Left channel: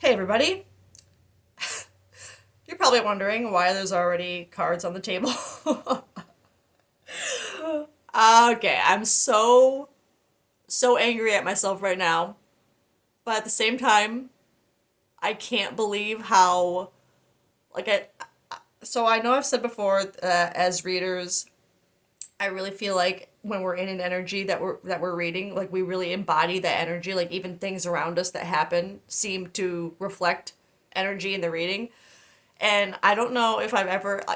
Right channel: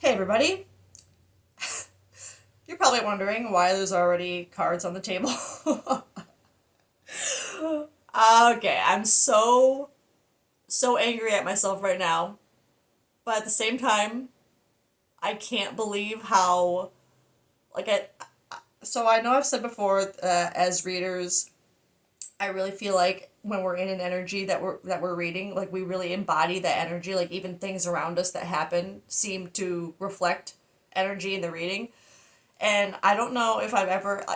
Hey everybody. You're probably wondering why there's already cards on the table. Okay, I'm so angry at myself right now, but at the same time, I can't believe how like I so I know I've said before as readers, I really feel like when we're in an energy that we're reading, like we really embody that energy, like even things around us that happen seem to reflect energy in the reading. And I don't know if I've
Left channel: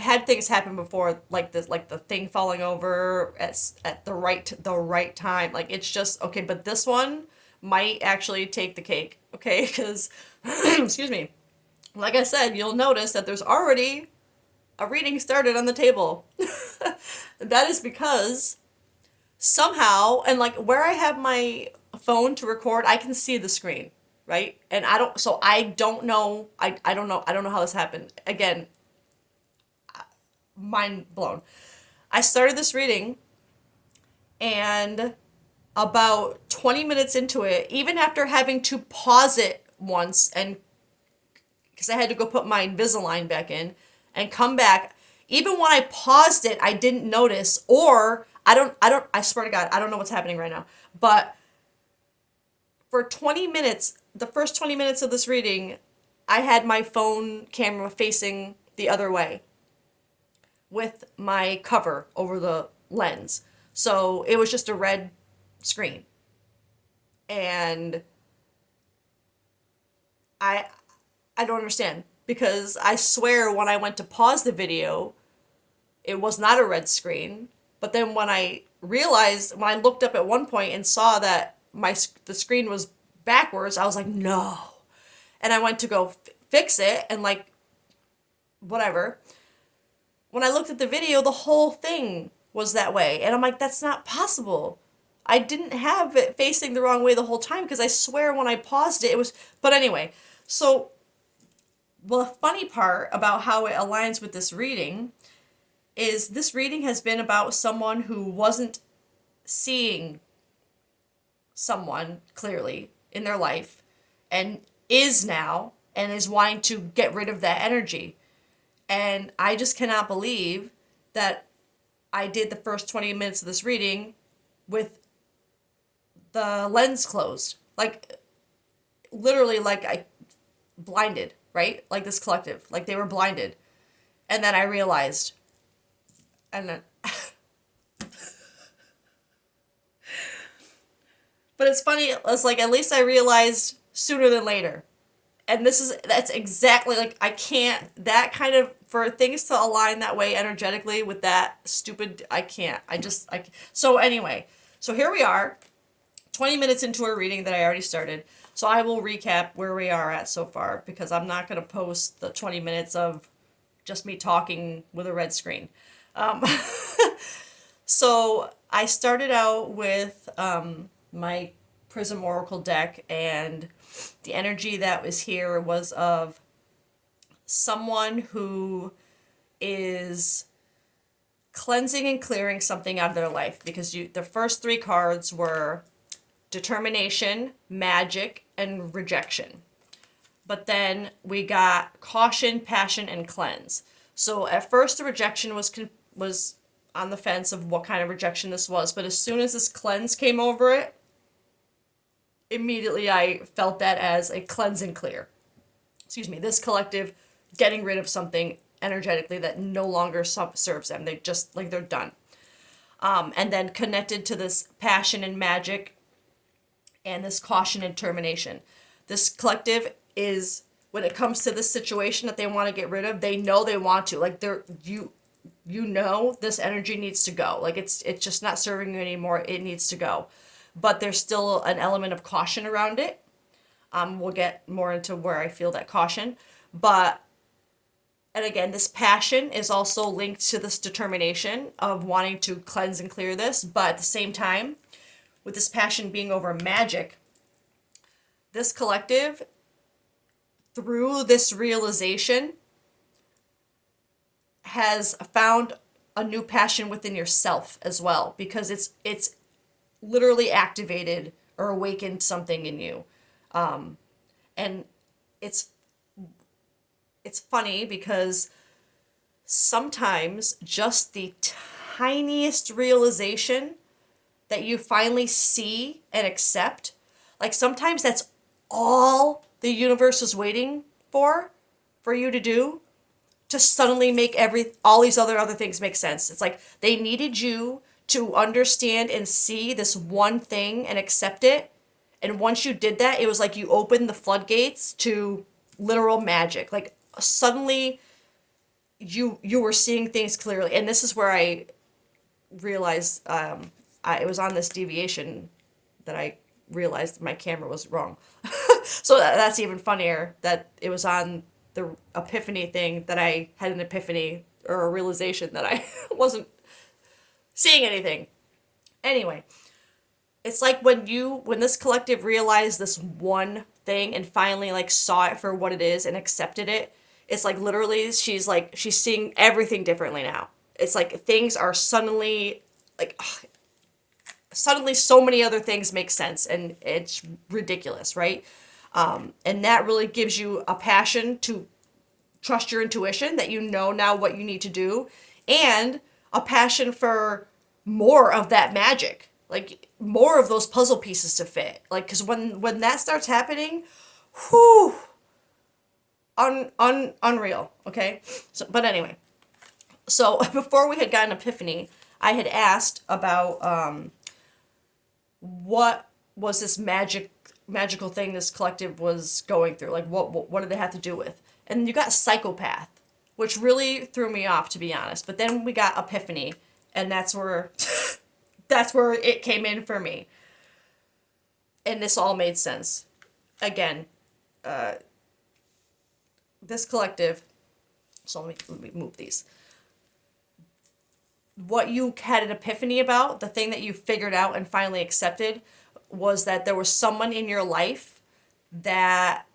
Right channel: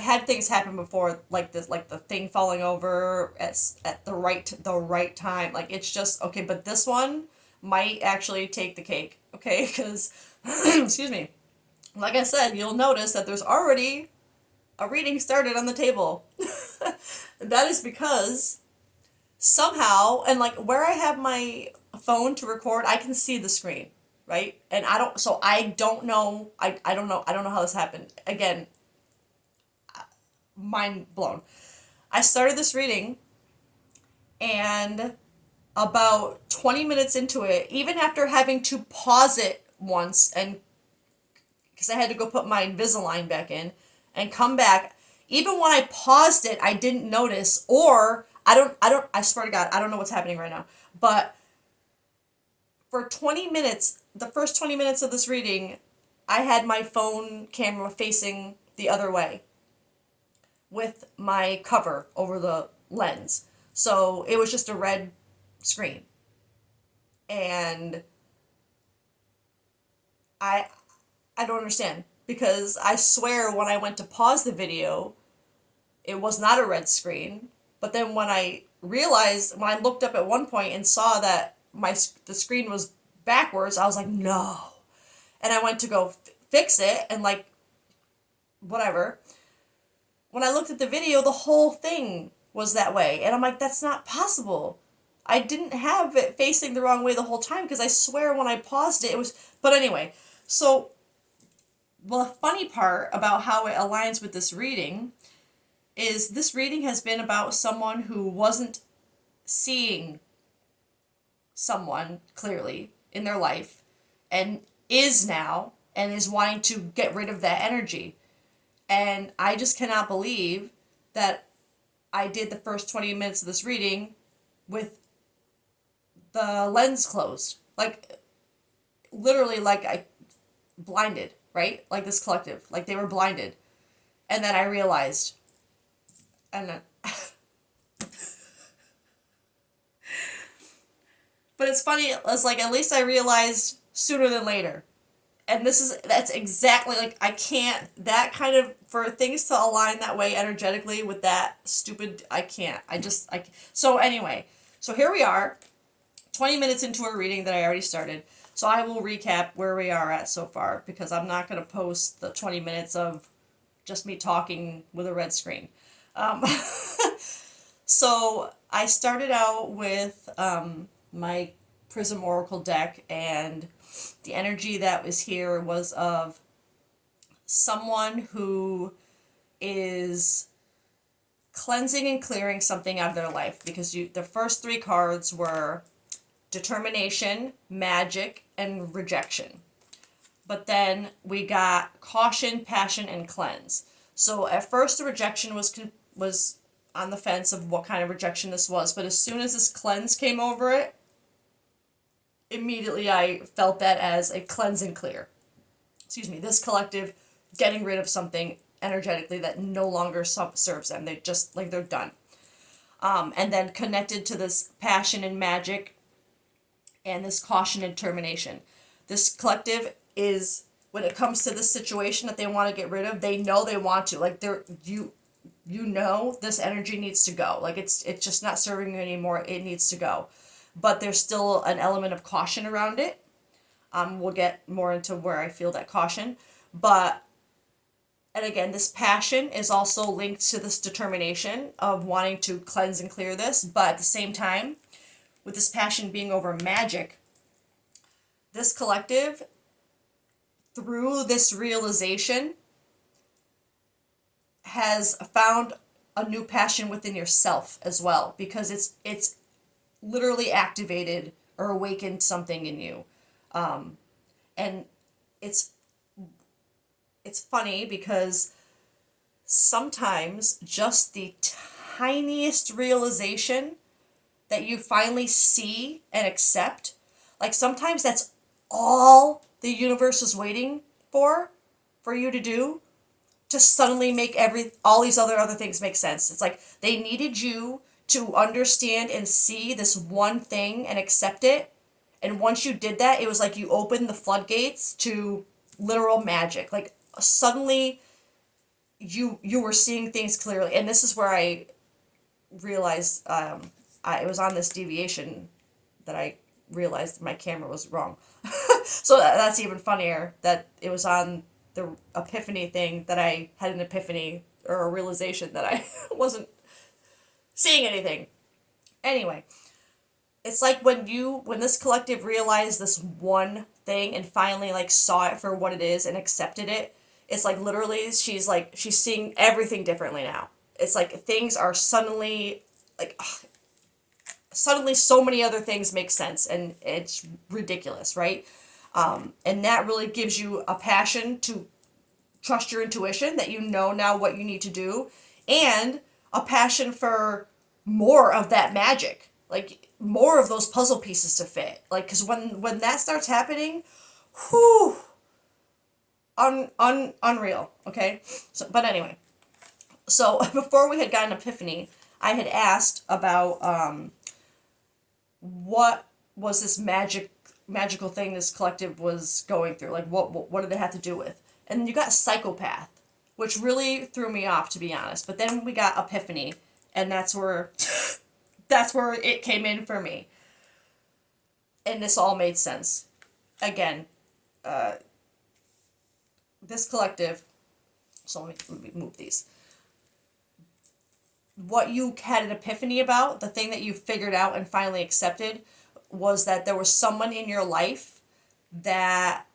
had things happen before, like this, like the thing falling over at the right time. Like it's just okay, but this one might actually take the cake. Okay, because excuse me. Like I said, you'll notice that there's already a reading started on the table. That is because somehow, and like where I have my phone to record, I can see the screen, right? And I don't know, I don't know how this happened. Again, mind blown. I started this reading, and about 20 minutes into it, even after having to pause it once, and because I had to go put my Invisalign back in and come back, even when I paused it, I didn't notice, or I swear to God, I don't know what's happening right now. But for 20 minutes, the first 20 minutes of this reading, I had my phone camera facing the other way with my cover over the lens. So it was just a red screen. And I I don't understand because I swear when I went to pause the video, it was not a red screen. But then when I looked up at one point and saw that the screen was backwards, I was like, "No." And I went to go fix it and like whatever. When I looked at the video, the whole thing was that way. And I'm like, that's not possible. I didn't have it facing the wrong way the whole time because I swear when I paused it, it was. But anyway, so, well, the funny part about how it aligns with this reading is this reading has been about someone who wasn't seeing someone clearly in their life and is now and is wanting to get rid of that energy. And I just cannot believe that I did the first 20 minutes of this reading with the lens closed. Like, literally, like I blinded, right? Like this collective, like they were blinded. And then I realized, and then, but it's funny, it's like at least I realized sooner than later. And that's exactly like I can't, that kind of, for things to align that way energetically with that stupid, I can't. So anyway, so here we are 20 minutes into a reading that I already started. So I will recap where we are at so far because I'm not going to post the 20 minutes of just me talking with a red screen. Um, so I started out with my Prism Oracle deck, and the energy that was here was of someone who is cleansing and clearing something out of their life because the first three cards were determination, magic, and rejection. But then we got caution, passion, and cleanse. So at first the rejection was on the fence of what kind of rejection this was, but as soon as this cleanse came over it, immediately I felt that as a cleanse and clear. Excuse me, this collective getting rid of something energetically that no longer serves them. They just like they're done. And then connected to this passion and magic and this caution and determination. This collective is, when it comes to this situation that they want to get rid of, they know they want to. Like you know this energy needs to go. Like it's just not serving you anymore. It needs to go. But there's still an element of caution around it. We'll get more into where I feel that caution. But and again, this passion is also linked to this determination of wanting to cleanse and clear this, but at the same time, with this passion being over magic, this collective, through this realization, has found a new passion within yourself as well because it's literally activated or awakened something in you. And it's it's funny because sometimes just the tiniest realization that you finally see and accept, like sometimes that's all the universe is waiting for you to do, to suddenly make every all these other things make sense. It's like they needed you to understand and see this one thing and accept it. And once you did that, it was like you opened the floodgates to literal magic. Like suddenly you were seeing things clearly. And this is where I realized it was on this deviation that I realized my camera was wrong. So that's even funnier that it was on the epiphany thing that I had an epiphany or a realization that I wasn't seeing anything. Anyway, it's like when this collective realized this one thing and finally like saw it for what it is and accepted it, it's like literally she's seeing everything differently now. It's like things are suddenly like suddenly so many other things make sense and it's ridiculous, right? And that really gives you a passion to trust your intuition that you know now what you need to do, and a passion for more of that magic, like more of those puzzle pieces to fit. Like, because when that starts happening, whew, unreal. Okay, so but anyway, so before we had gotten epiphany, I had asked about what was this magical thing this collective was going through, like what did they have to do with, and you got psychopath, which really threw me off, to be honest. But then we got epiphany, and that's where that's where it came in for me, and this all made sense. Again, this collective, so let me move these. What you had an epiphany about, the thing that you figured out and finally accepted, was that there was someone in your life that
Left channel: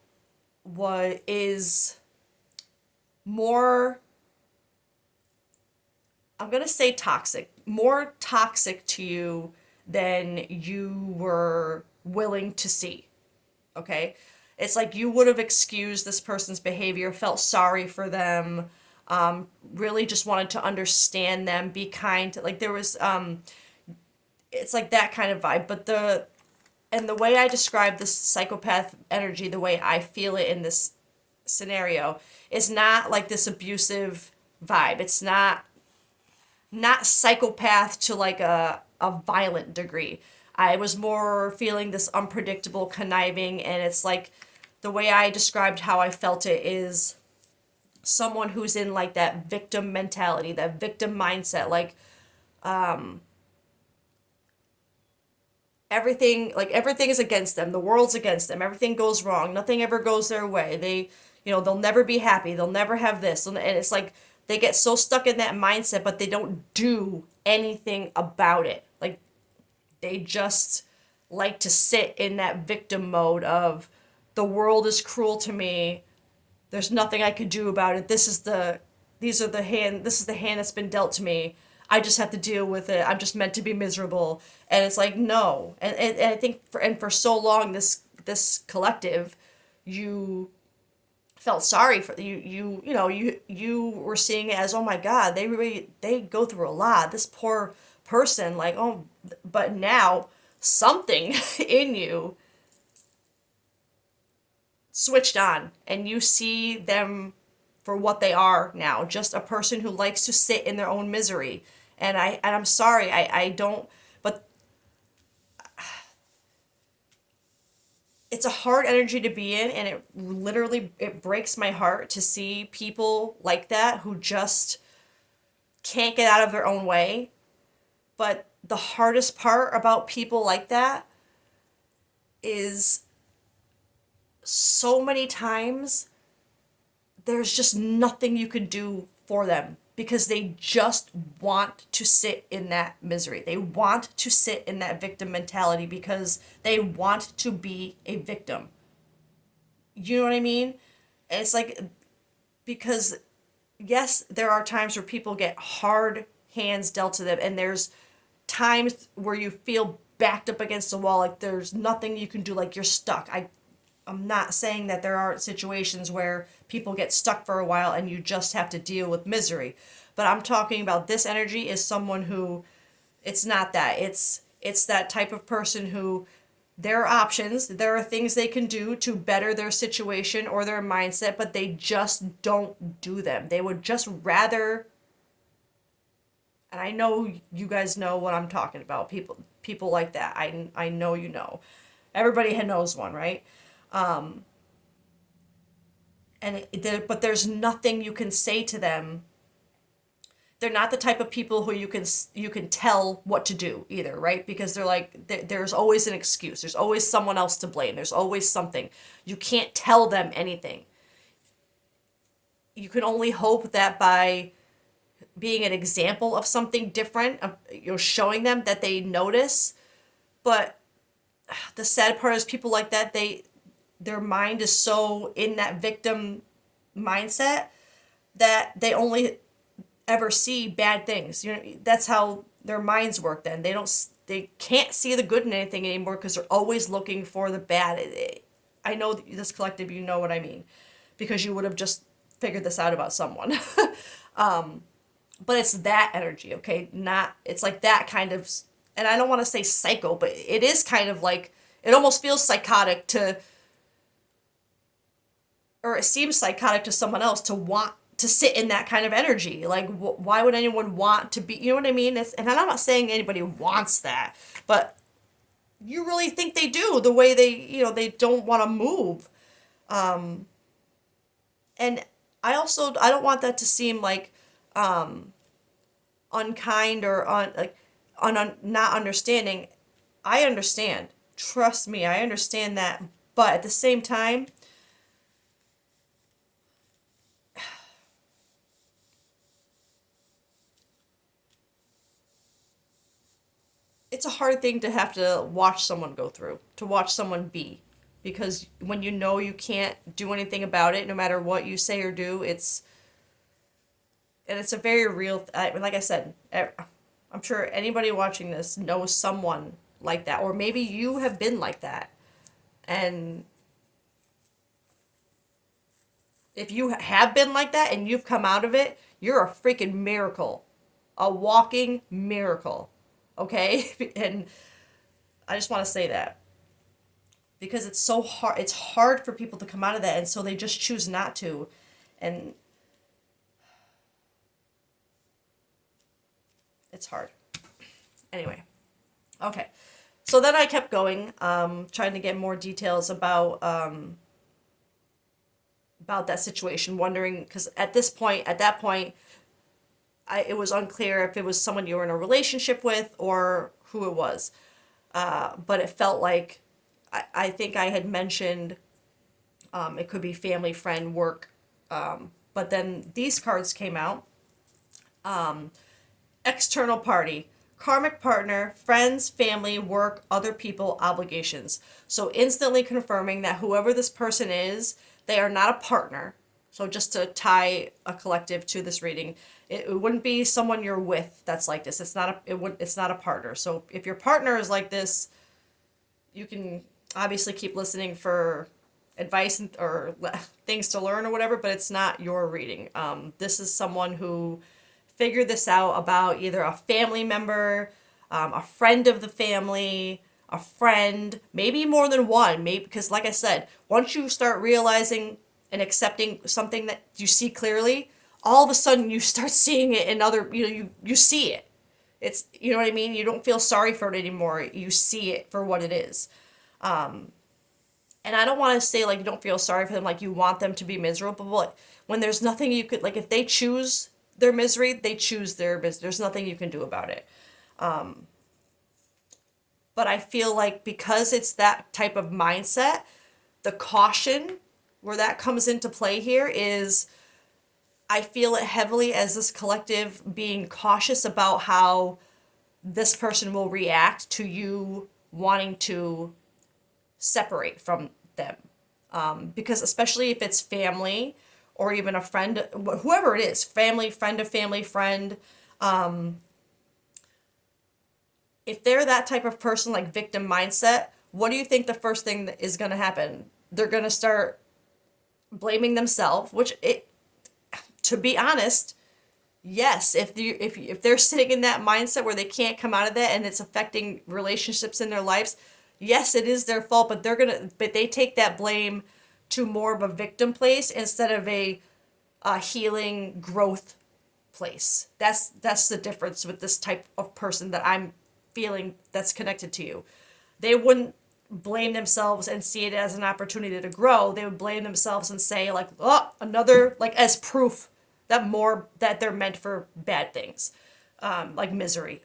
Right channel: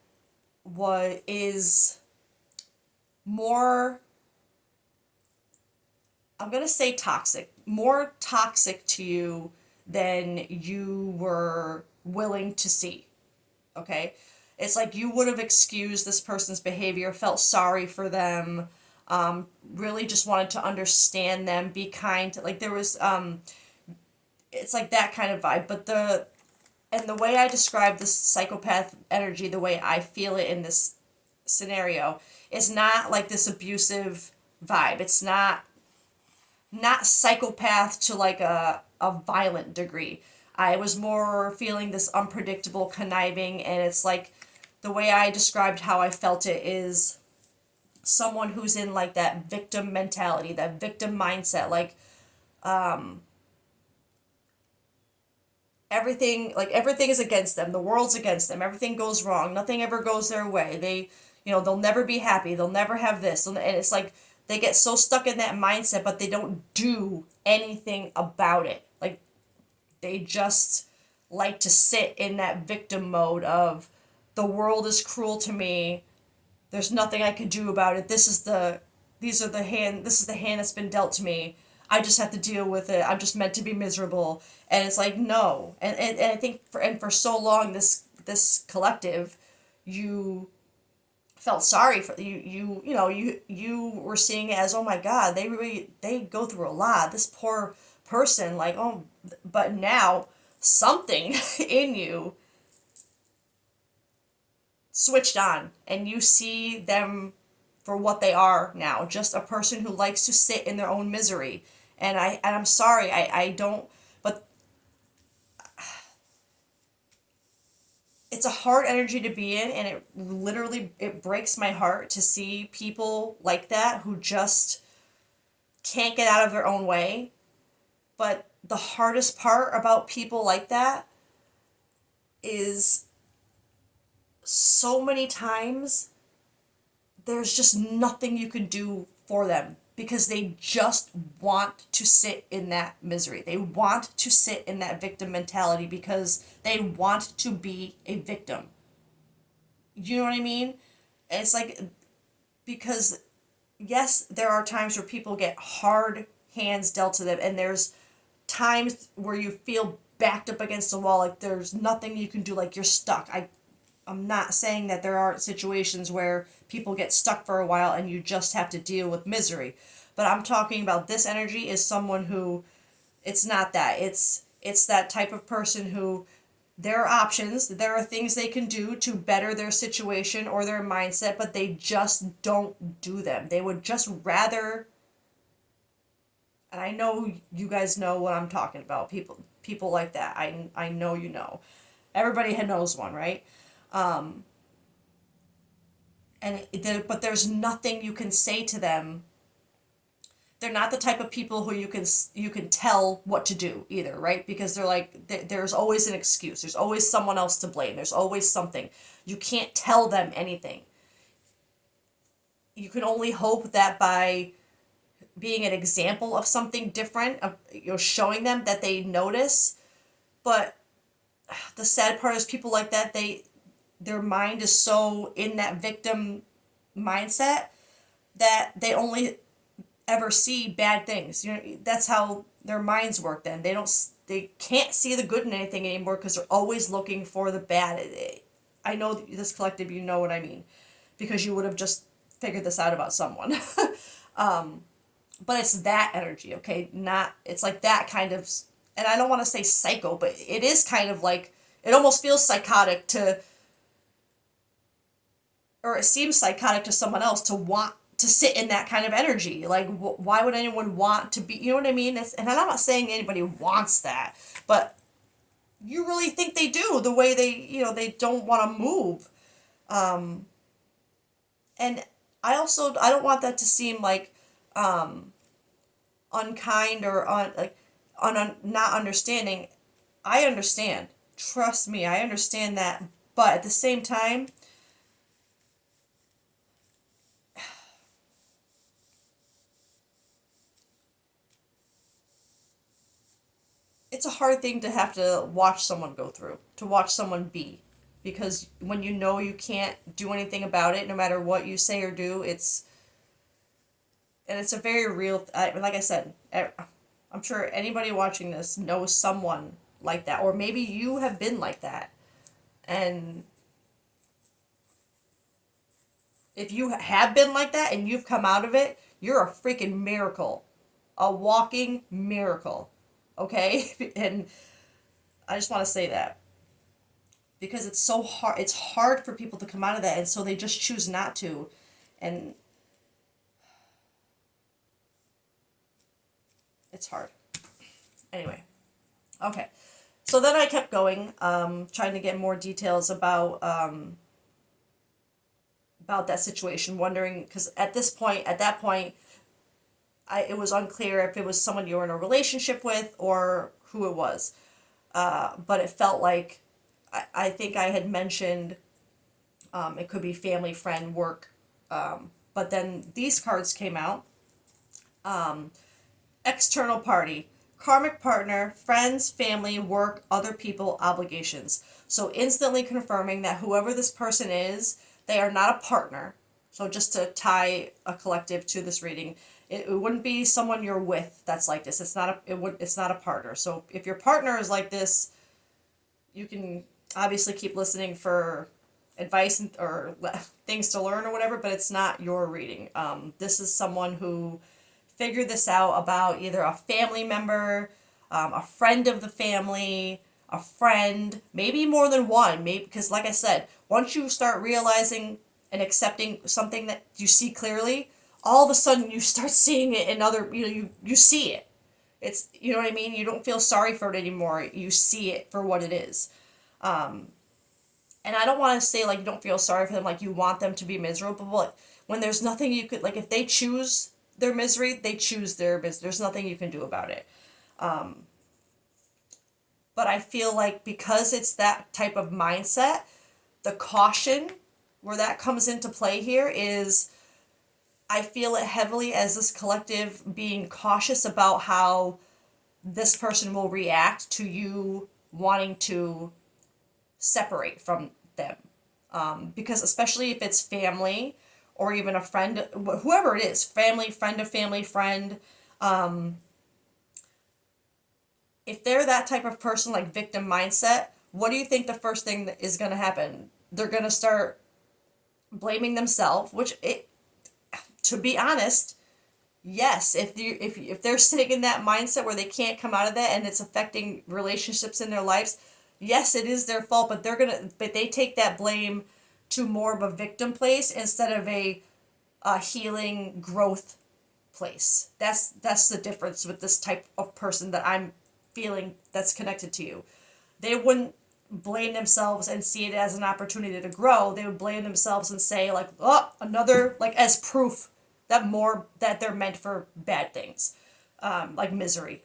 is more, I'm going to say toxic, more toxic to you than you were willing to see. Okay? It's like you would have excused this person's behavior, felt sorry for them, really just wanted to understand them, be kind. Like there was, it's like that kind of vibe. But the way I describe this psychopath energy, the way I feel it in this scenario, is not like this abusive vibe. It's not psychopath to like a violent degree. I was more feeling this unpredictable conniving, and it's like the way I described how I felt it is someone who's in like that victim mentality, that victim mindset, like everything is against them, the world's against them, everything goes wrong, nothing ever goes their way. They'll never be happy, they'll never have this, and it's like they get so stuck in that mindset, but they don't do anything about it. Like they just like to sit in that victim mode of the world is cruel to me. There's nothing I can do about it. This is the hand that's been dealt to me. I just have to deal with it. I'm just meant to be miserable. And it's like no. And I think for so long this collective, you felt sorry for you were seeing it as, oh my god, they go through a lot, this poor person, like, oh, but now something in you switched on and you see them for what they are now, just a person who likes to sit in their own misery. And I'm sorry, I don't, but it's a hard energy to be in, and it breaks my heart to see people like that who just can't get out of their own way. But the hardest part about people like that is so many times there's just nothing you can do for them because they just want to sit in that misery. They want to sit in that victim mentality because they want to be a victim. You know what I mean? It's like, because yes, there are times where people get hard hands dealt to them, and there's times where you feel backed up against the wall, like there's nothing you can do, like you're stuck. I'm not saying that there aren't situations where people get stuck for a while and you just have to deal with misery. But I'm talking about this energy is someone who it's not that. It's that type of person who there are options, there are things they can do to better their situation or their mindset, but they just don't do them. They would just rather, and I know you guys know what I'm talking about. People like that. I know you know. Everybody knows one, right? But there's nothing you can say to them. They're not the type of people who you can tell what to do either, right? Because they're like there's always an excuse. There's always someone else to blame. There's always something. You can't tell them anything. You can only hope that by being an example of something different, of, showing them that they notice. But the sad part is people like that, their mind is so in that victim mindset that they only ever see bad things. That's how their minds work. Then they can't see the good in anything anymore because they're always looking for the bad. I know this collective, you know what I mean, because you would have just figured this out about someone. But it's that energy, okay? Not it's like that kind of, and I don't want to say psycho, but it is kind of like it almost feels psychotic to, or it seems psychotic to someone else to want to sit in that kind of energy. Like, why would anyone want to be? You know what I mean? And I'm not saying anybody wants that, but you really think they do the way they don't want to move. And I don't want that to seem like unkind or not understanding. I understand. Trust me, I understand that. But at the same time, it's a hard thing to have to watch someone go through, to watch someone be. Because when you know you can't do anything about it, no matter what you say or do, it's a very real, like I said, I'm sure anybody watching this knows someone like that, or maybe you have been like that. And if you have been like that and you've come out of it, you're a freaking miracle, a walking miracle. Okay? And I just want to say that because it's so hard. It's hard for people to come out of that, and so they just choose not to. And it's hard. Anyway, okay. So then I kept going, trying to get more details about that situation, wondering because at that point, it was unclear if it was someone you were in a relationship with or who it was. But it felt like I think I had mentioned it could be family, friend, work. But then these cards came out. External party, karmic partner, friends, family, work, other people, obligations. So instantly confirming that whoever this person is, they are not a partner. So just to tie a collective to this reading, it wouldn't be someone you're with that's like this. It's not a partner. So if your partner is like this, you can obviously keep listening for advice or things to learn or whatever, but it's not your reading. This is someone who figured this out about either a family member, a friend of the family, a friend, maybe more than one. Maybe because, like I said, once you start realizing and accepting something that you see clearly, all of a sudden you start seeing it in other. You see it. It's you know what I mean. You don't feel sorry for it anymore. You see it for what it is. And I don't want to say like you don't feel sorry for them, like you want them to be miserable. But when there's nothing you could like, if they choose their misery, they choose their misery. There's nothing you can do about it. But I feel like because it's that type of mindset, the caution where that comes into play here is I feel it heavily as this collective being cautious about how this person will react to you wanting to separate from them. Because especially if it's family or even a friend, whoever it is, family, friend of family, friend, if they're that type of person, like victim mindset, what do you think the first thing that is going to happen? they're going to start blaming themselves, which it, to be honest, yes, if they're sitting in that mindset where they can't come out of that and it's affecting relationships in their lives, yes, it is their fault, but they take that blame to more of a victim place instead of a healing growth place. That's the difference with this type of person that I'm feeling that's connected to you. They wouldn't blame themselves and see it as an opportunity to grow. They would blame themselves and say like, oh, another, like as proof that they're meant for bad things, like misery.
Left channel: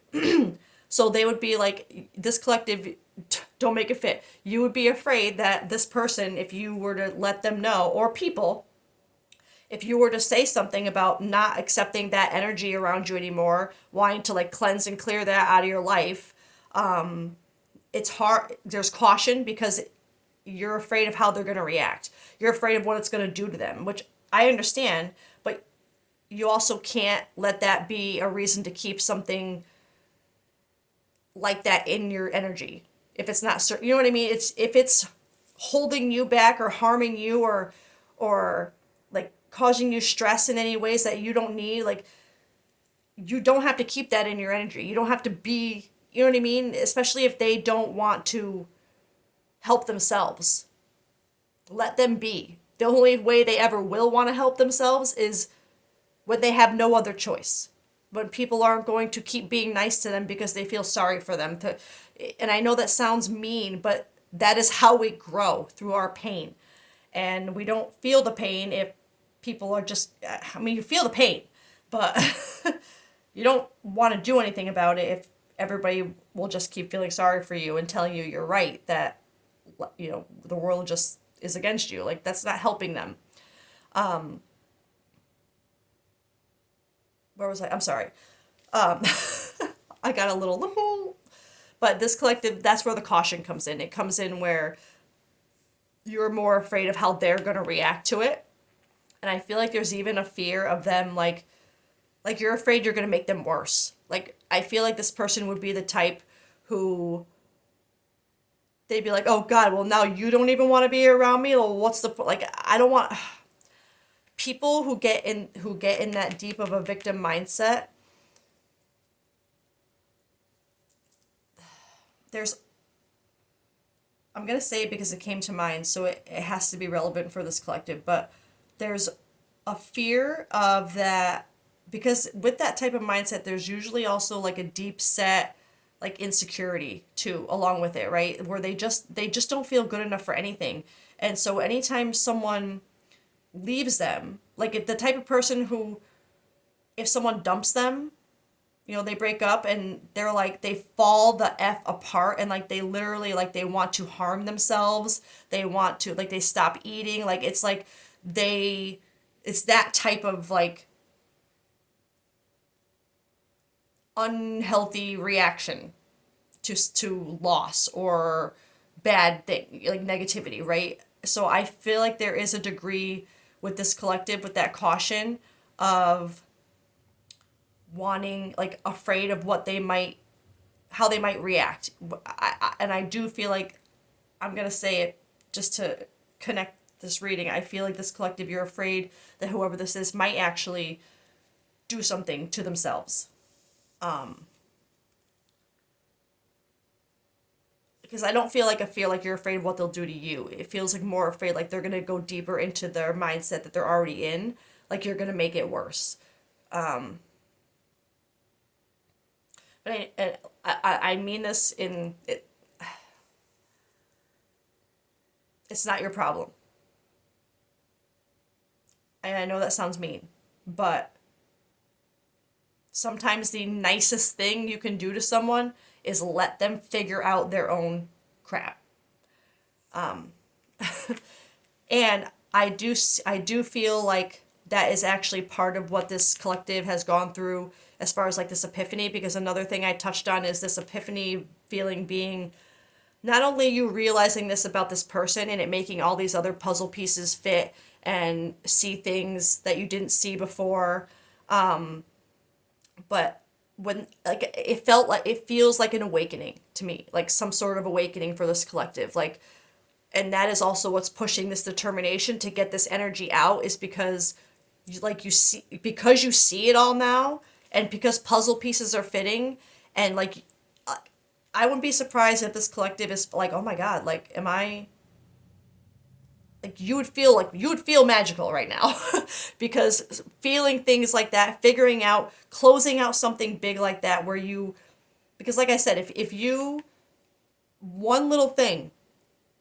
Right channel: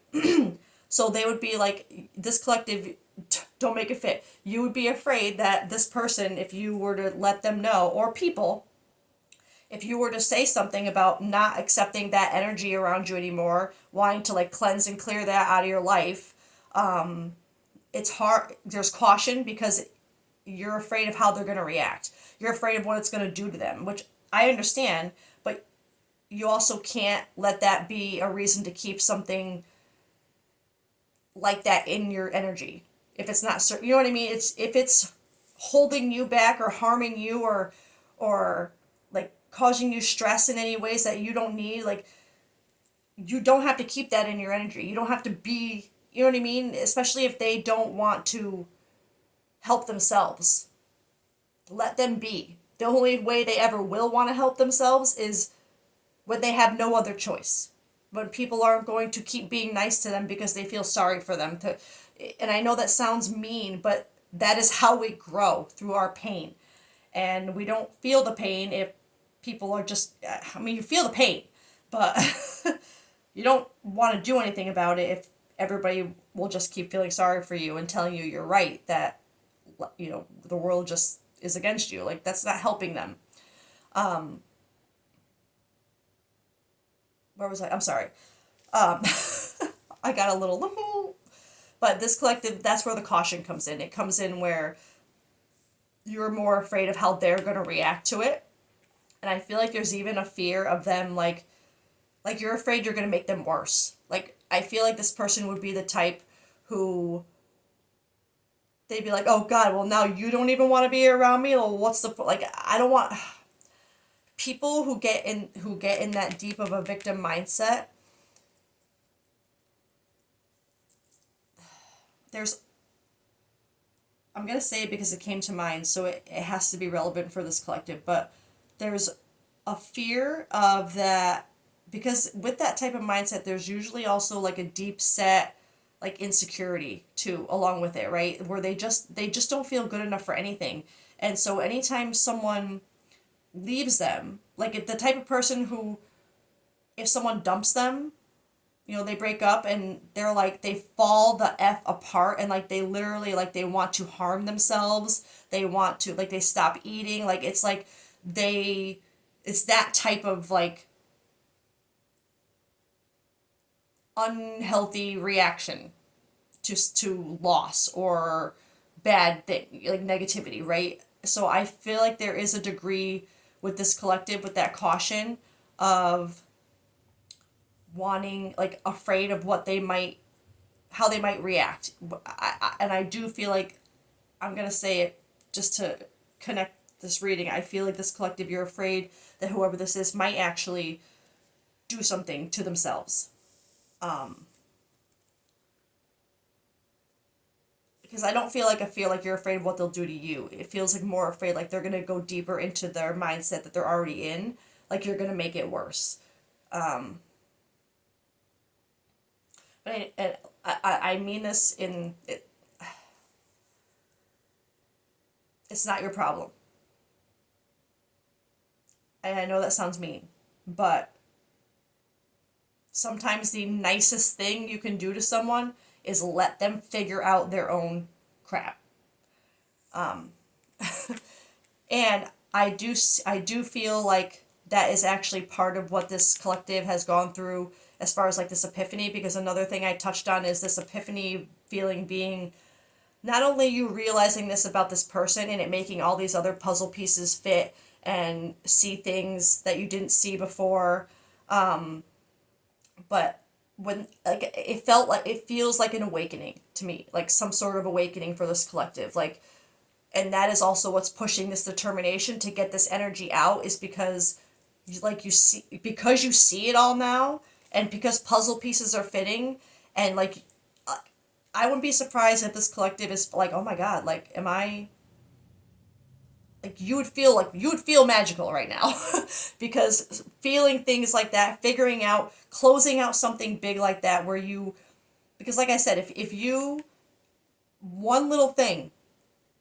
So they would be like, this collective, don't make it fit. You would be afraid that this person, if you were to let them know, or people, if you were to say something about not accepting that energy around you anymore, wanting to like cleanse and clear that out of your life, it's hard. There's caution because you're afraid of how they're going to react. You're afraid of what it's going to do to them, which I understand, but you also can't let that be a reason to keep something like that in your energy. If it's not, you know what I mean? It's if it's holding you back or harming you or like causing you stress in any ways that you don't need, like you don't have to keep that in your energy. You don't have to be, you know what I mean? Especially if they don't want to help themselves. Let them be. The only way they ever will want to help themselves is when they have no other choice. When people aren't going to keep being nice to them because they feel sorry for them. And I know that sounds mean, but that is how we grow, through our pain. And we don't feel the pain if people are just, I mean, you feel the pain, but you don't want to do anything about it if everybody will just keep feeling sorry for you and telling you you're right, that, you know, the world just is against you. Like, that's not helping them. Um, where was I? I'm sorry. Um, I got a little, but this collective, that's where the caution comes in. It comes in where you're more afraid of how they're going to react to it. And I feel like there's even a fear of them, like you're afraid you're going to make them worse. Like, I feel like this person would be the type who they'd be like, oh God, well now you don't even want to be around me. Well, what's the point? Like, I don't want people who get in that deep of a victim mindset. There's I'm gonna say it because it came to mind, so it has to be relevant for this collective, but there's a fear of that, because with that type of mindset there's usually also like a deep set like insecurity too along with it, right? Where they just don't feel good enough for anything. And so anytime someone leaves them, like if the type of person who, if someone dumps them, you know, they break up and they're like, they fall the F apart, and like they literally, like they want to harm themselves. They want to, like, they stop eating. Like, it's like they, it's that type of like unhealthy reaction to loss or bad thing, like negativity, right? So I feel like there is a degree with this collective, with that caution of wanting, like afraid of what they might, how they might react. And I do feel like, I'm going to say it just to connect this reading. I feel like this collective, you're afraid that whoever this is might actually do something to themselves. Um, because I don't feel like, I feel like you're afraid of what they'll do to you. It feels like more afraid like they're going to go deeper into their mindset that they're already in. Like you're going to make it worse. Um, but I mean this in it, it's not your problem. And I know that sounds mean, but sometimes the nicest thing you can do to someone is let them figure out their own crap. Um, and I do feel like that is actually part of what this collective has gone through as far as like this epiphany, because another thing I touched on is this epiphany feeling being not only you realizing this about this person and it making all these other puzzle pieces fit and see things that you didn't see before, um, but when, like, it felt like, it feels like an awakening to me, like some sort of awakening for this collective, like, And that is also what's pushing this determination to get this energy out, is because you see, because you see it all now, and because puzzle pieces are fitting, and like I wouldn't be surprised if this collective is like, oh my god, like am I, like you would feel magical right now because feeling things like that, figuring out, closing out something big like that, where you, because like I said, if you, one little thing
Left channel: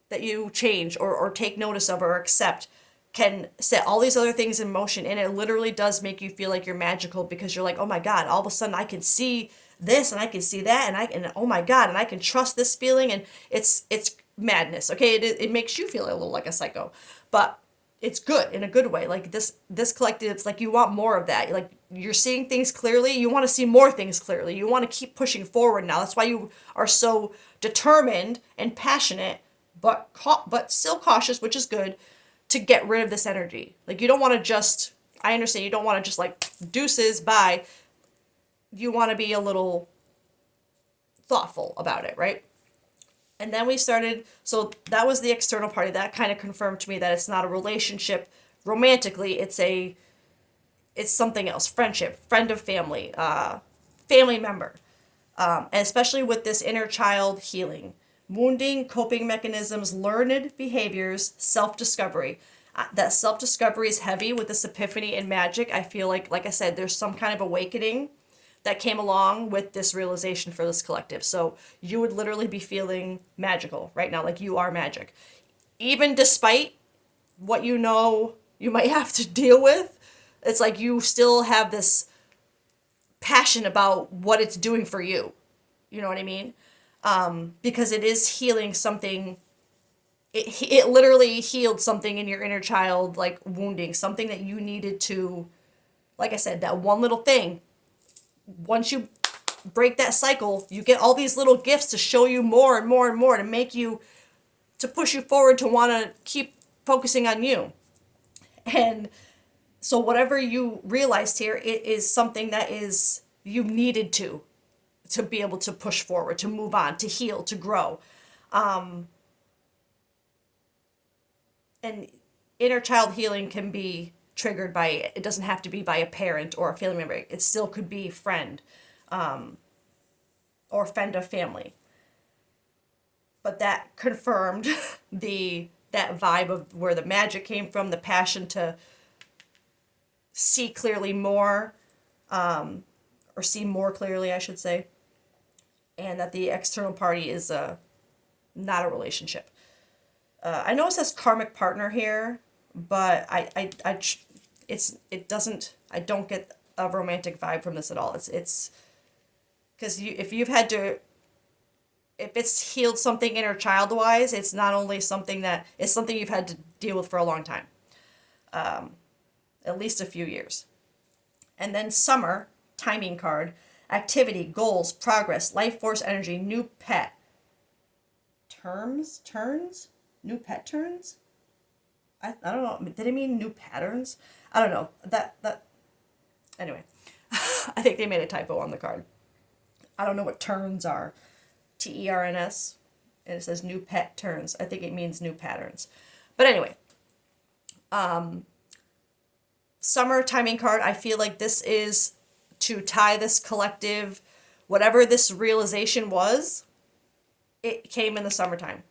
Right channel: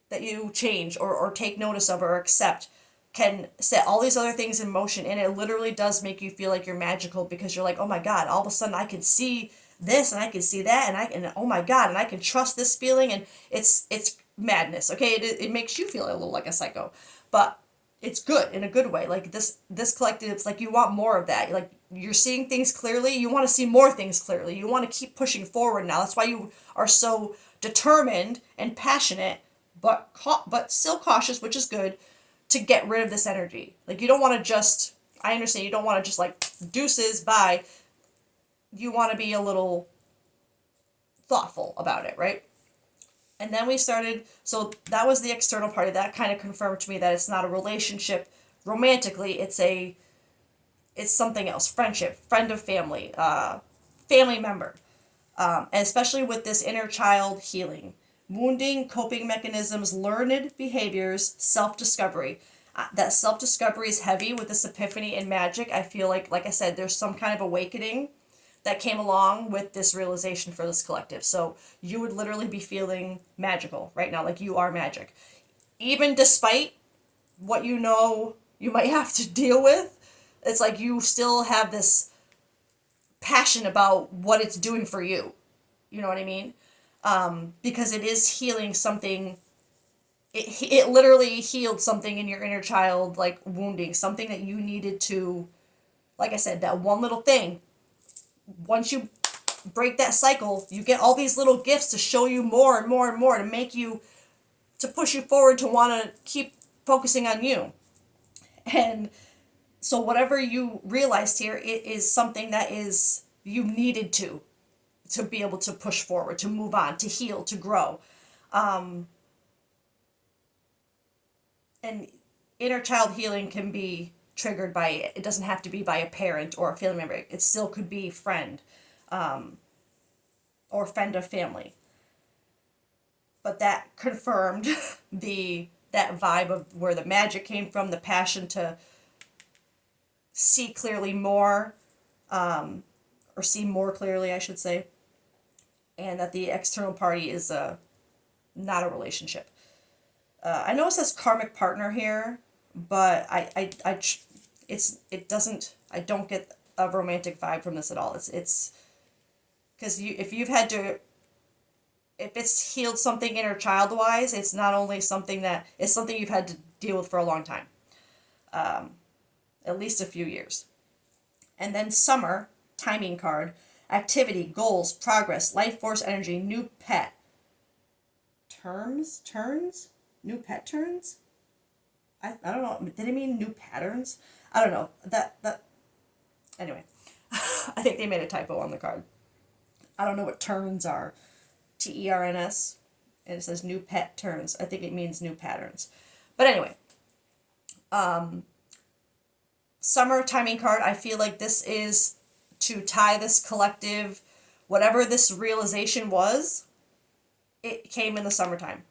that you change or take notice of or accept can set all these other things in motion, and it literally does make you feel like you're magical, because you're like, oh my god, all of a sudden I can see this and I can see that, and I can, oh my god, and I can trust this feeling, and it's madness. Okay, it makes you feel a little like a psycho, but it's good in a good way. Like this collective, it's like you want more of that. Like you're seeing things clearly, you want to see more things clearly, you want to keep pushing forward now. That's why you are so determined and passionate, but still cautious, which is good, to get rid of this energy. Like you don't want to just, I understand you don't want to just like deuces bye. You want to be a little thoughtful about it, right? And then we started, so that was the external party. That kind of confirmed to me that it's not a relationship romantically, it's something else. Friendship, friend of family, family member. And especially with this inner child healing, wounding, coping mechanisms, learned behaviors, self discovery. That self discovery is heavy with this epiphany and magic. I feel like I said, there's some kind of awakening that came along with this realization for this collective. So you would literally be feeling magical right now, like you are magic. Even despite what you know you might have to deal with, it's like you still have this passion about what it's doing for you. You know what I mean? Because it is healing something. It literally healed something in your inner child, like wounding, something that you needed to, like I said, that one little thing. Once you break that cycle, you get all these little gifts to show you more and more and more, to make you, to push you forward, to want to keep focusing on you. And so whatever you realized here, it is something that is, you needed to be able to push forward, to move on, to heal, to grow. And inner child healing can be triggered by, it doesn't have to be by a parent or a family member. It still could be friend, or friend of family. But that confirmed that vibe of where the magic came from, the passion to see clearly more, or see more clearly, I should say, and that the external party is not a relationship. I know it says karmic partner here, but it doesn't, I don't get a romantic vibe from this at all. It's because if it's healed something inner child wise, it's not only something that, it's something you've had to deal with for a long time, at least a few years. And then summer, timing card, activity, goals, progress, life force energy, new pet. Turns? New pet turns? I don't know. Did it mean new patterns? I don't know. Anyway. I think they made a typo on the card. I don't know what turns are. TERNS. And it says new pet turns. I think it means new patterns. But anyway. Summer timing card. I feel like this is to tie this collective, whatever this realization was, it came in the summertime.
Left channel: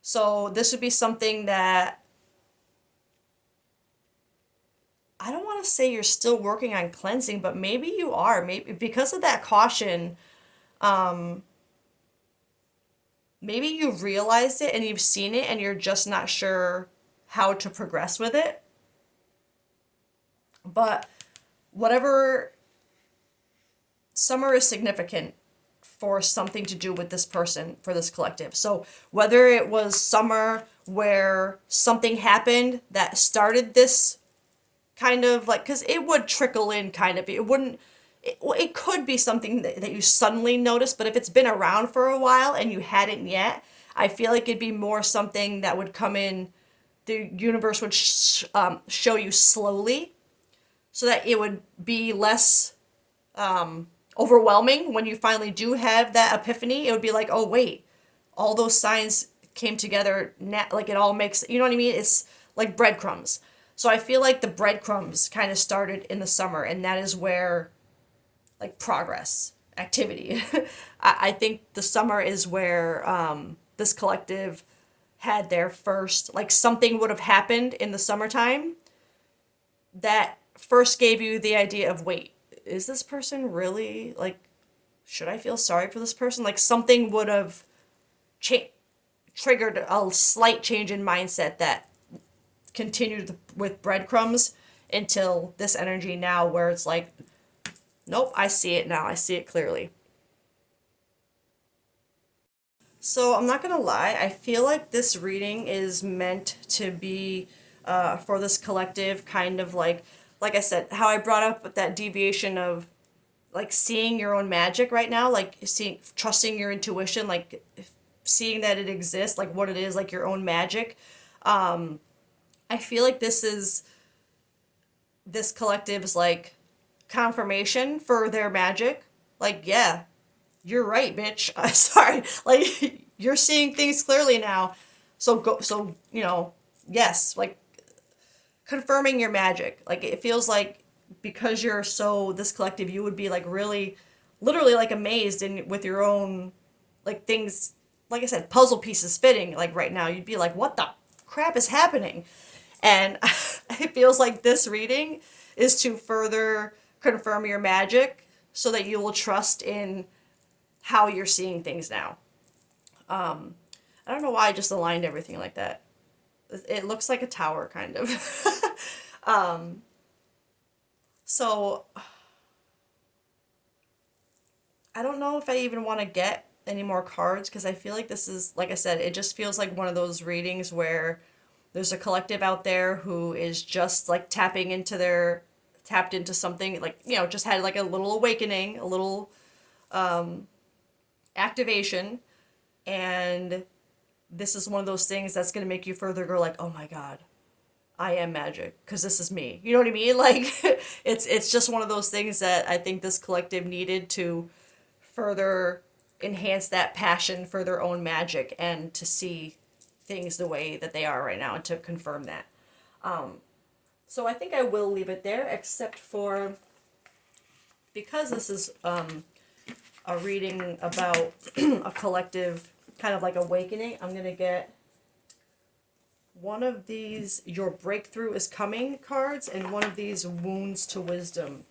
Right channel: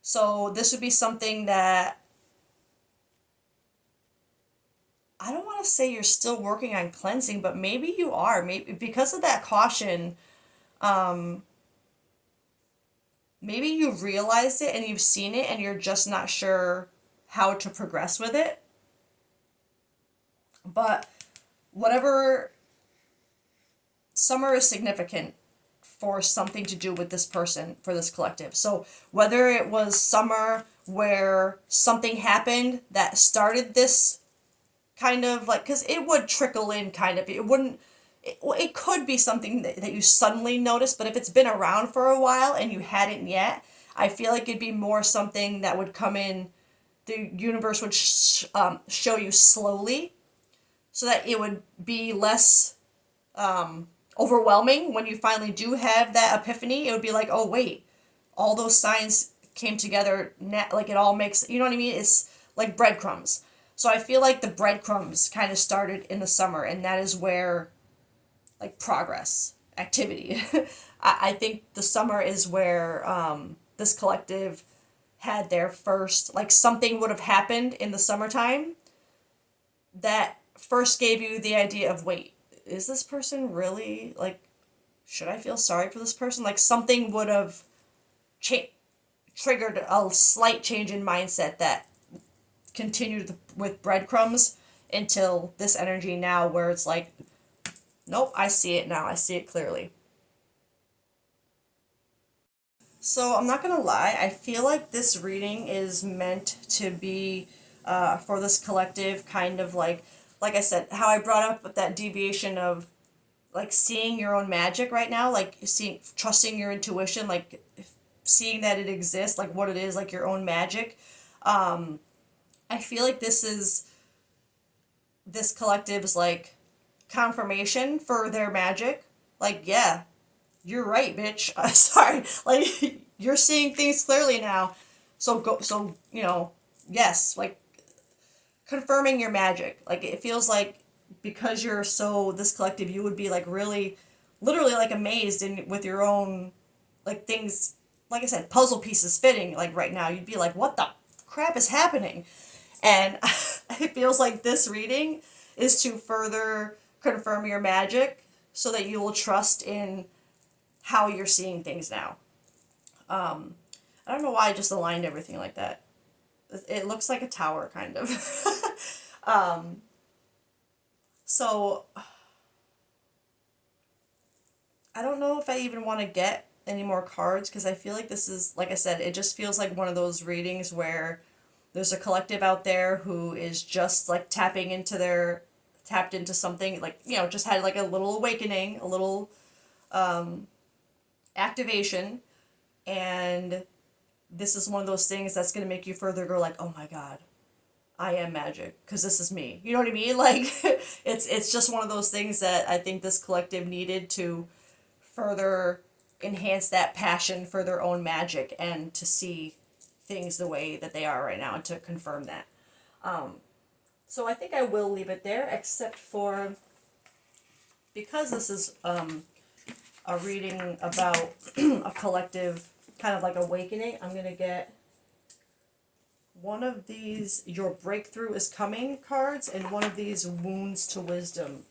So this would be something that, I don't want to say you're still working on cleansing, but maybe you are. Maybe because of that caution, maybe you've realized it and you've seen it and you're just not sure how to progress with it. But whatever, summer is significant for something to do with this person, for this collective. So whether it was summer where something happened that started this kind of like, because it would trickle in kind of, it could be something that you suddenly notice, but if it's been around for a while and you hadn't yet, I feel like it'd be more something that would come in, the universe would show you slowly, so that it would be less overwhelming when you finally do have that epiphany. It would be like, oh wait, all those signs came together, like it all makes, you know what I mean? It's like breadcrumbs. So I feel like the breadcrumbs kind of started in the summer, and that is where like progress, activity. I think the summer is where this collective had their first, like something would have happened in the summertime that first gave you the idea of, wait, is this person really like, should I feel sorry for this person? Like something would have cha- triggered a slight change in mindset that continued with breadcrumbs until this energy now where it's like, nope, I see it now. I see it clearly. So I'm not gonna lie, I feel like this reading is meant to be for this collective, kind of like I said, how I brought up that deviation of like seeing your own magic right now, like seeing, trusting your intuition, like seeing that it exists, like what it is, like your own magic. I feel like this collective is like confirmation for their magic. Like, yeah, you're right, bitch. I'm sorry. Like, you're seeing things clearly now. So go. So yes. Like confirming your magic. Like it feels like because you're so this collective, you would be like really, literally like amazed in with your own like things. Like I said, puzzle pieces fitting. Like right now, you'd be like, what the crap is happening? And it feels like this reading is to further confirm your magic so that you will trust in how you're seeing things now. I don't know why I just aligned everything like that. It looks like a tower, kind of. So I don't know if I even want to get any more cards because I feel like this is, like I said, it just feels like one of those readings where there's a collective out there who is just like tapped into something, like just had like a little awakening, a little activation, and this is one of those things that's going to make you further go like, oh my god, I am magic because this is me. You know what I mean? Like it's just one of those things that I think this collective needed to further enhance that passion for their own magic and to see things the way that they are right now and to confirm that. So I think I will leave it there, except for because this is a reading about a collective kind of like awakening. I'm gonna get one of these "Your Breakthrough is Coming" cards and one of these "Wounds to Wisdom"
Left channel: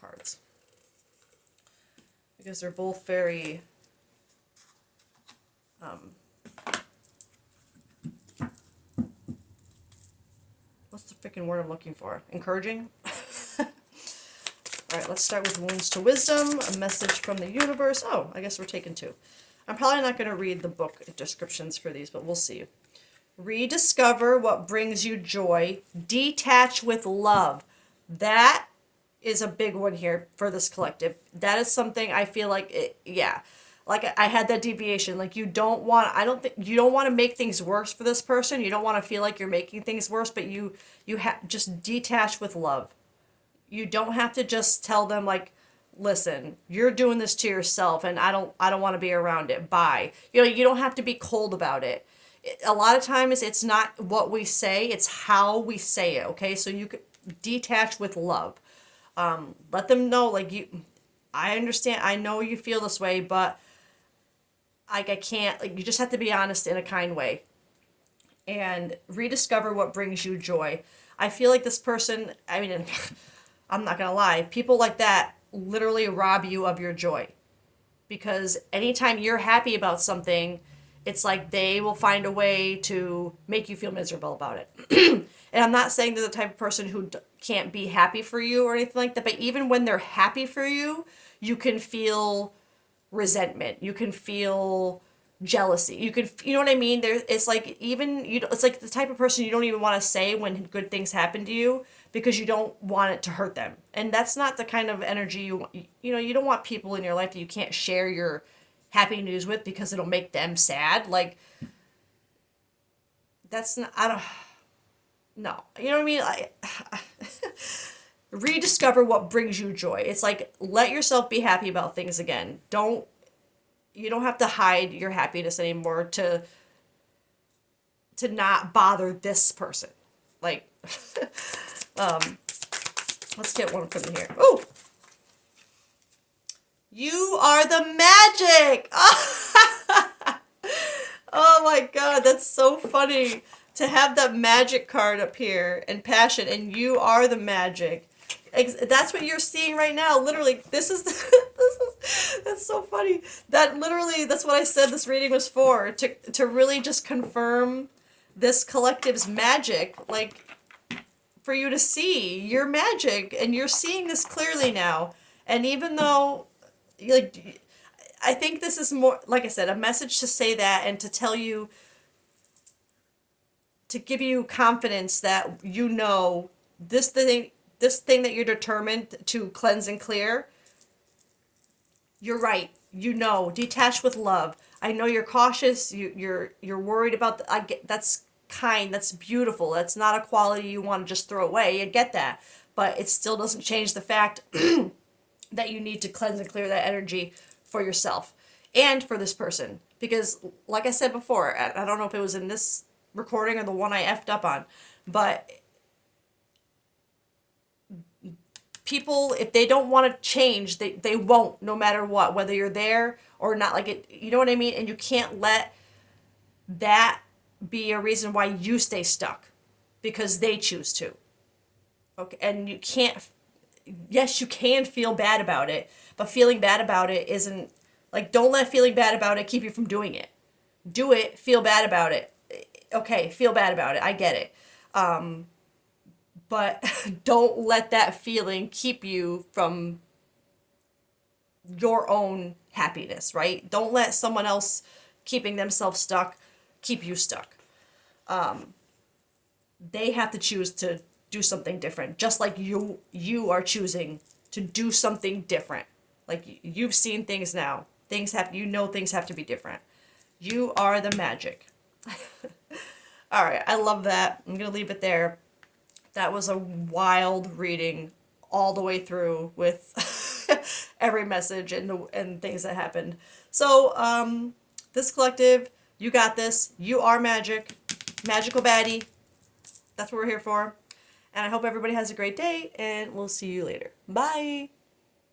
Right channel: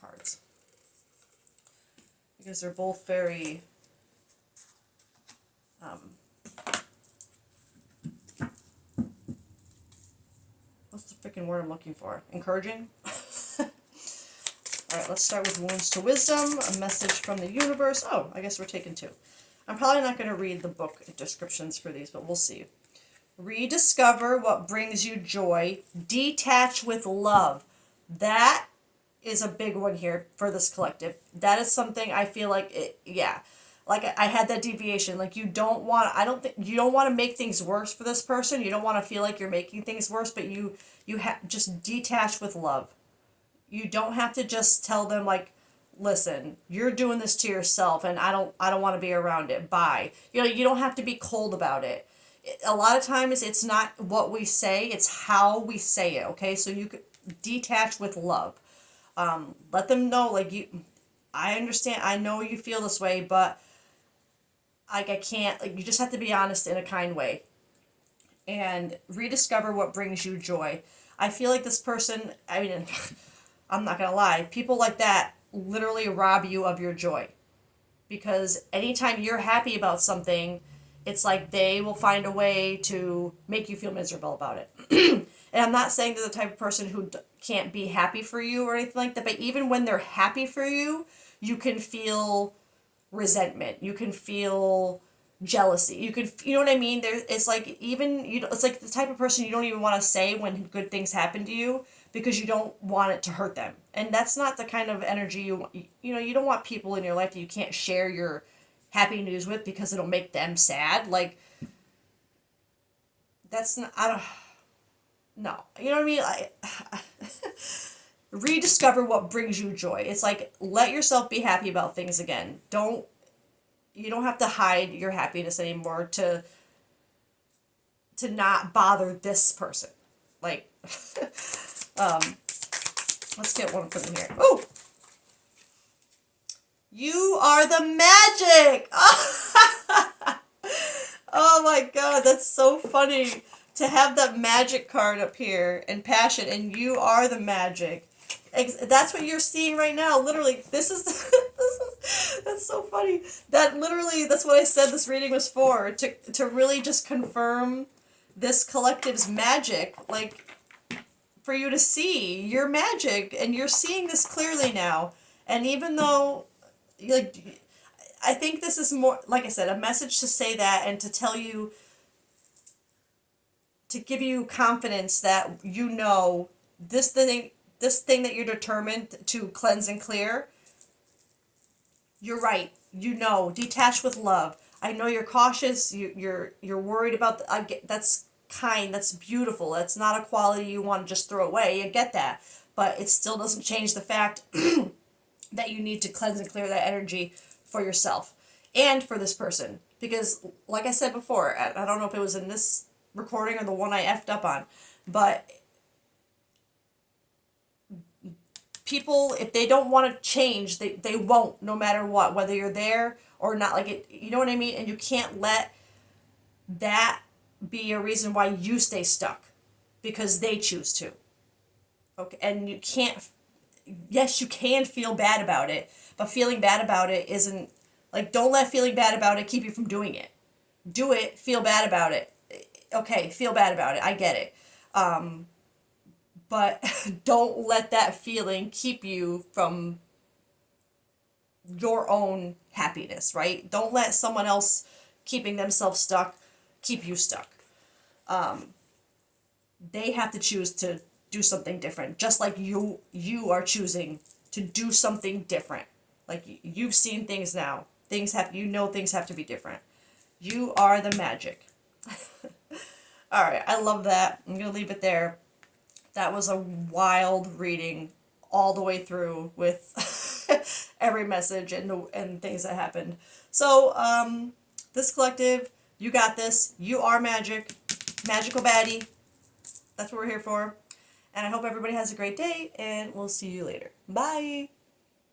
cards because they're both very what's the freaking word I'm looking for? Encouraging? Alright, let's start with Wounds to Wisdom, a message from the universe. Oh, I guess we're taking two. I'm probably not going to read the book descriptions for these, but we'll see. Rediscover what brings you joy. Detach with love. That is a big one here for this collective. That is something I feel like, yeah. Like I had that deviation. Like I don't think, you don't want to make things worse for this person. You don't want to feel like you're making things worse, but you have just detach with love. You don't have to just tell them like, listen, you're doing this to yourself and I don't want to be around it. Bye. You don't have to be cold about it. A lot of times it's not what we say, it's how we say it, okay? So you could detach with love. Let them know like I understand, I know you feel this way, but like I can't, like you just have to be honest in a kind way and rediscover what brings you joy. I feel like this person, I mean, I'm not gonna lie, people like that literally rob you of your joy because anytime you're happy about something, it's like they will find a way to make you feel miserable about it. And I'm not saying they're the type of person who can't be happy for you or anything like that, but even when they're happy for you, you can feel resentment. You can feel jealousy. You know what I mean? It's like even it's like the type of person you don't even want to say when good things happen to you because you don't want it to hurt them. And that's not the kind of energy you don't want people in your life that you can't share your happy news with because it'll make them sad. Like that's not, I don't no. You know what I mean? Rediscover what brings you joy. It's like let yourself be happy about things again. Don't You don't have to hide your happiness anymore to not bother this person. Like, um, let's get one from here. Oh, you are the magic. Oh my God, that's so funny to have that magic card up here and passion, and you are the magic. That's what you're seeing right now. Literally, this is that's so funny. That literally, that's what I said this reading was for, to really just confirm this collective's magic, like for you to see your magic, and you're seeing this clearly now. And even though, like, I think this is more, like I said, a message to say that and to tell you, to give you confidence that you know this thing that you're determined to cleanse and clear. You're right. You know, detach with love. I know you're cautious. You're worried about I get that's kind. That's beautiful. That's not a quality you want to just throw away. I get that, but it still doesn't change the fact that you need to cleanse and clear that energy for yourself and for this person. Because, like I said before, I don't know if it was in this recording or the one I effed up on, but people, if they don't want to change, they won't, no matter what, whether you're there or not. Like, it, you know what I mean? And you can't let that be a reason why you stay stuck because they choose to. Okay, and you can't, yes, you can feel bad about it, but feeling bad about it isn't, like, don't let feeling bad about it keep you from doing it. Do it, feel bad about it. Okay, feel bad about it. I get it. But don't let that feeling keep you from your own happiness, right? Don't let someone else keeping themselves stuck keep you stuck. They have to choose to do something different, just like you are choosing to do something different. Like, you've seen things now. Things have, you know, things have to be different. You are the magic. All right, I love that. I'm going to leave it there. That was a wild reading all the way through with every message and things that happened. So, this collective, you got this. You are magic. Magical baddie. That's what we're here for. And I hope everybody has a great day, and we'll see you later. Bye.